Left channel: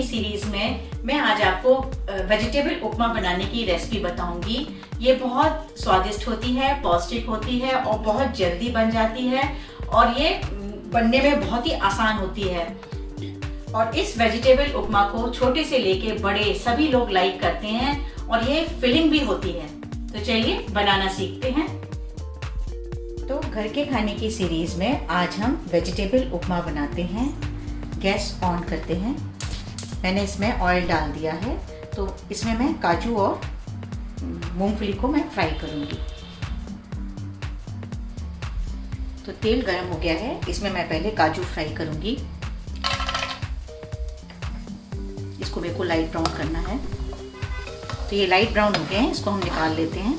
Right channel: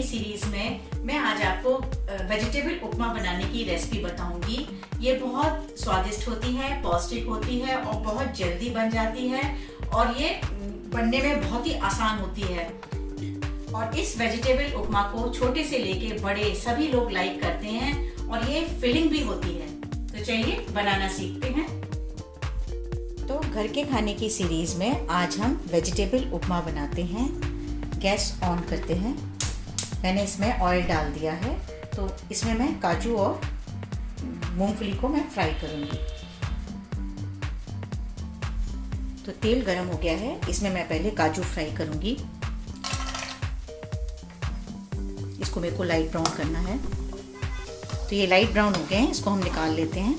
Series में मैं आज आपको वेजिटेबल उपमा बनाने की रेसिपी बताऊंगी। ये बहुत स्वादिष्ट होती है, पौष्टिक होती है और बहुत जल्दी बन जाती है और ये बनने में बहुत ही आसान होती है। और इस वेजिटेबल उपमा को छोटे से लेके बड़े सभी लोग लाइक करते हैं और ये फिलिंग भी होती है। तो चलिए बनाना सीखते हैं। तो घर के खाने की सीरीज में आज हम वेजिटेबल उपमा बनाते हैं। गैस ऑन करते हैं। मैंने इसमें ऑयल डाल दिया है, तो इसमें मैं काजू और मूंगफली को मैं फ्राई करूंगी। तो तेल गरम हो गया है, इसमें मैं पहले काजू फ्राई करूंगी। इसको मेरे को लाइट ब्राउन करना है। तो ये लाइट ब्राउन हो गए हैं, इसको हम निकाल लेते हैं।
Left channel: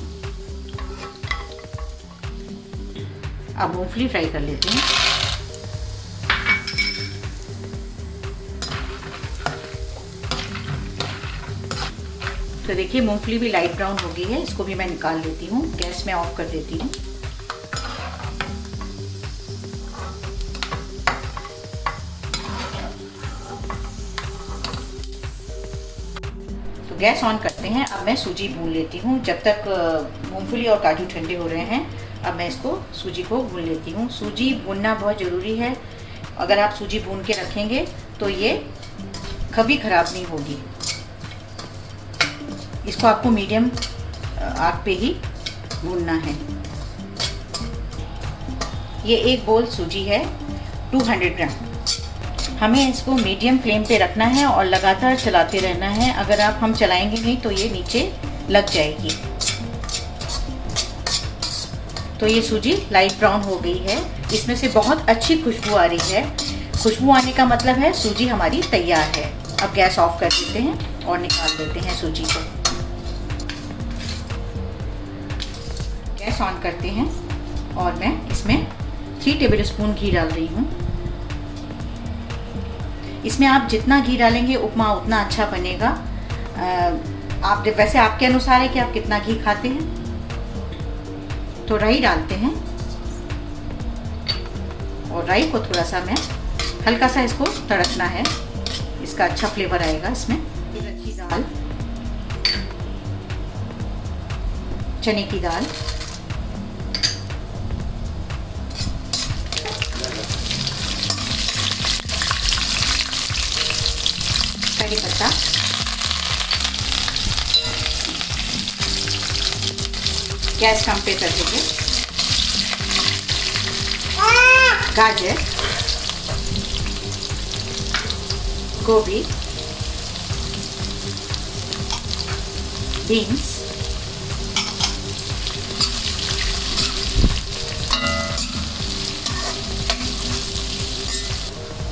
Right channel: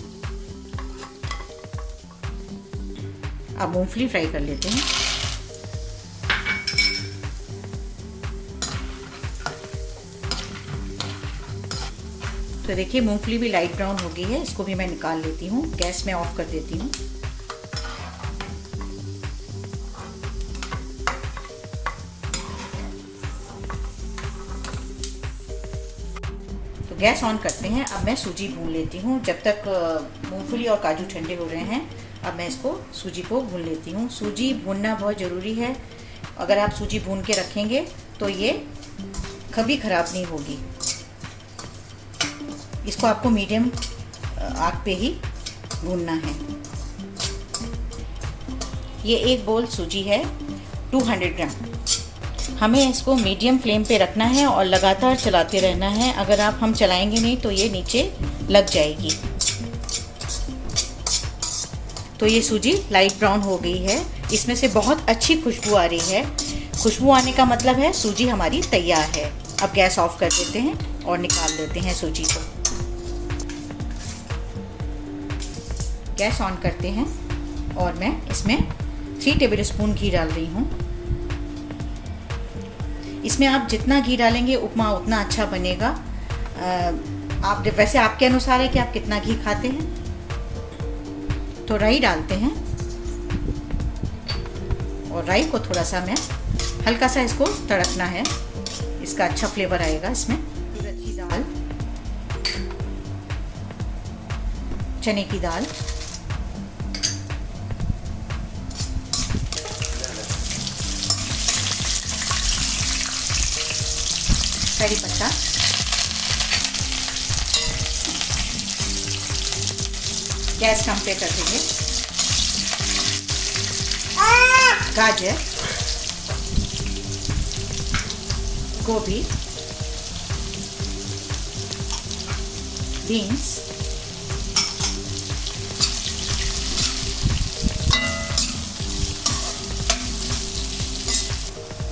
अब मूंगफली फ्राई कर लेते हैं। तो देखिए मूंगफली भी लाइट ब्राउन हो गई है, इसको भी मैं निकाल लेती हूँ। गैस में ऑफ कर देती हूँ। तो गैस ऑन करते हैं। अब मैं सूजी भून लेती हूँ। जब तक मूंगफली और काजू ठंडे हो रहे हैं, अब मैं इसको सूजी को भून लेती हूँ। सूजी भूनना बहुत ज़रूरी है। अगर आप सूजी भून के रखेंगे तो ये कभी ख़राब नहीं होगी। इसको आपको मीडियम आग पे ही भूनना है। ये एक बोल सूजी है, 200 ग्राम। हमें इसको मीडियम फ्लेम पे रखना है और लगातार चलाते रहना है। अगर हम चलाएंगे नहीं तो ये नीचे लग जाएगी। तो ये सूजी लाइट ब्राउन हो गई है। इसमें से बहुत अच्छी खुशबू आ रही है। खुशबू आने का मतलब है सूजी हमारी तैयार है। अब गैस ऑफ कर देते हैं और निकाल देते हैं सूजी को। गैस ऑन करते हैं और मैं इसमें 3 टेबलस्पून घी डाल रही हूँ। इसमें आप जितना घी डालेंगे उपमा उतना अच्छा बनेगा। आप वैसे आपके अनुसार है कि आप कितना घी खाते हैं। तो राई डालते हैं और राई को थोड़ा सा मैं हल्का सा इसको तड़कना है, इसका अच्छा फ्लेवर आएगा इसमें। उड़द की दाल, चने की दाल, करी पत्ता, गैस कम पे कर देंगे। गाजर, गोभी, बीन्स,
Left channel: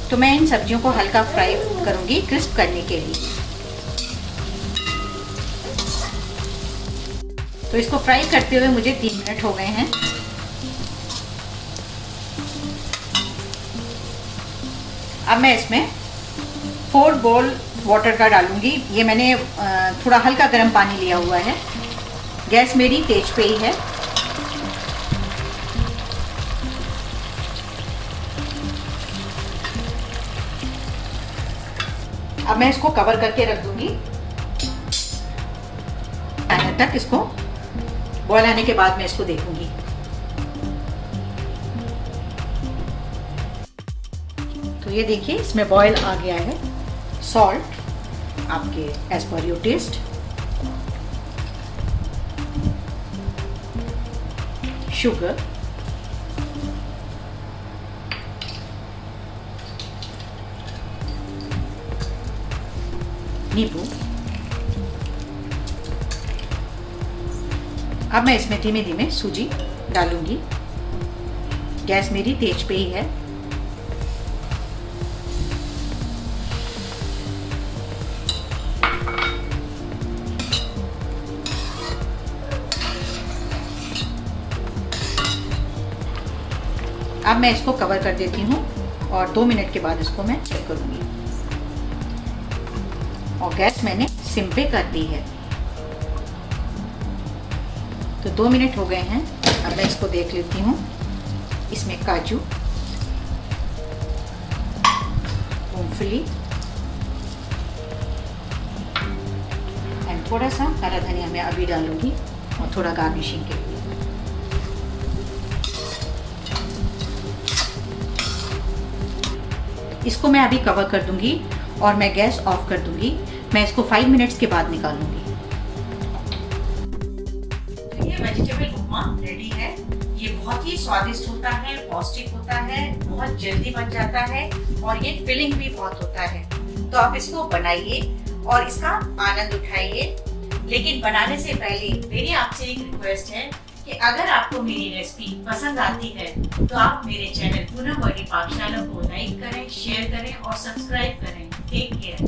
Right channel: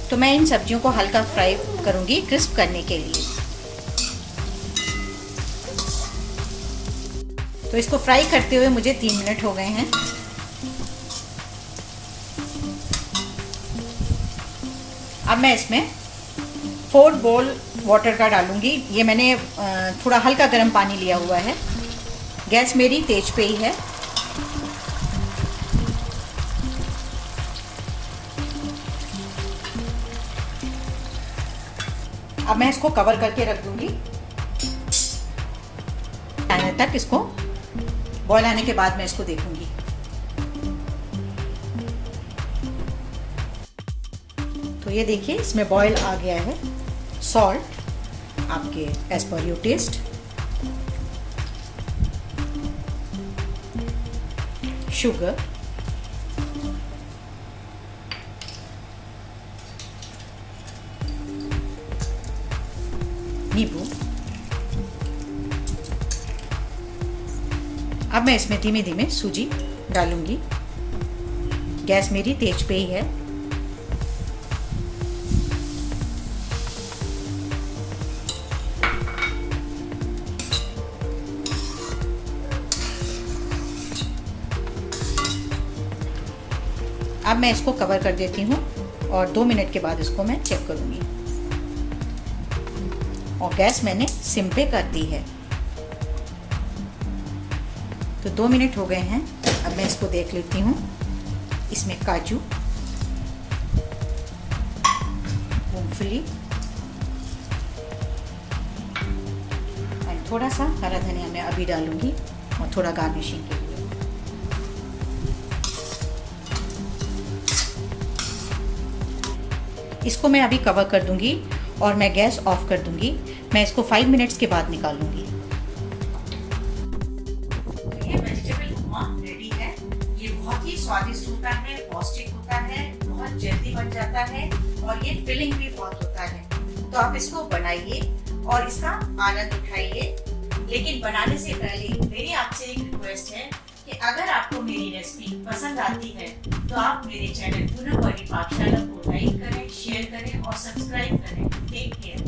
तो मैं इन सब्जियों को हल्का फ्राई करूंगी क्रिस्प करने के लिए। तो इसको फ्राई करते हुए मुझे 3 मिनट हो गए हैं। अब मैं इसमें 4 बोल वाटर का डालूंगी। ये मैंने थोड़ा हल्का गर्म पानी लिया हुआ है। गैस मेरी तेज पे ही है। अब मैं इसको कवर करके रख दूंगी। आने तक इसको बॉयल आने के बाद मैं इसको देखूंगी। तो ये देखिए इसमें बॉयल आ गया है। सॉल्ट आपके as per your test, sugar, नींबू। अब मैं इसमें धीमे धीमे सूजी डालूंगी। गैस मेरी तेज पे ही है। अब मैं इसको कवर कर देती हूँ और 2 मिनट के बाद इसको मैं चेक करूँगी। और गैस मैंने सिम पे कर दी है। तो 2 मिनट हो गए हैं। अब मैं इसको देख लेती हूँ। इसमें काजू, मूंगफली एंड थोड़ा सा हरा धनिया मैं अभी डालूंगी और थोड़ा गार्निशिंग के लिए। इसको मैं अभी कवर कर दूंगी और मैं गैस ऑफ कर दूंगी। मैं इसको 5 मिनट्स के बाद निकालूंगी। ये वेजिटेबल उपमा रेडी है। ये बहुत ही स्वादिष्ट होता है, पौष्टिक होता है, बहुत जल्दी बन जाता है और ये फिलिंग भी बहुत होता है। तो आप इसको बनाइए और इसका आनंद उठाइए। लेकिन बनाने से पहले मेरी आपसे एक रिक्वेस्ट है कि अगर आपको मेरी रेसिपी पसंद आती है तो आप मेरे चैनल पूनम वर्णी पाकशाला को लाइक करें, शेयर करें और सब्सक्राइब करें। Take care.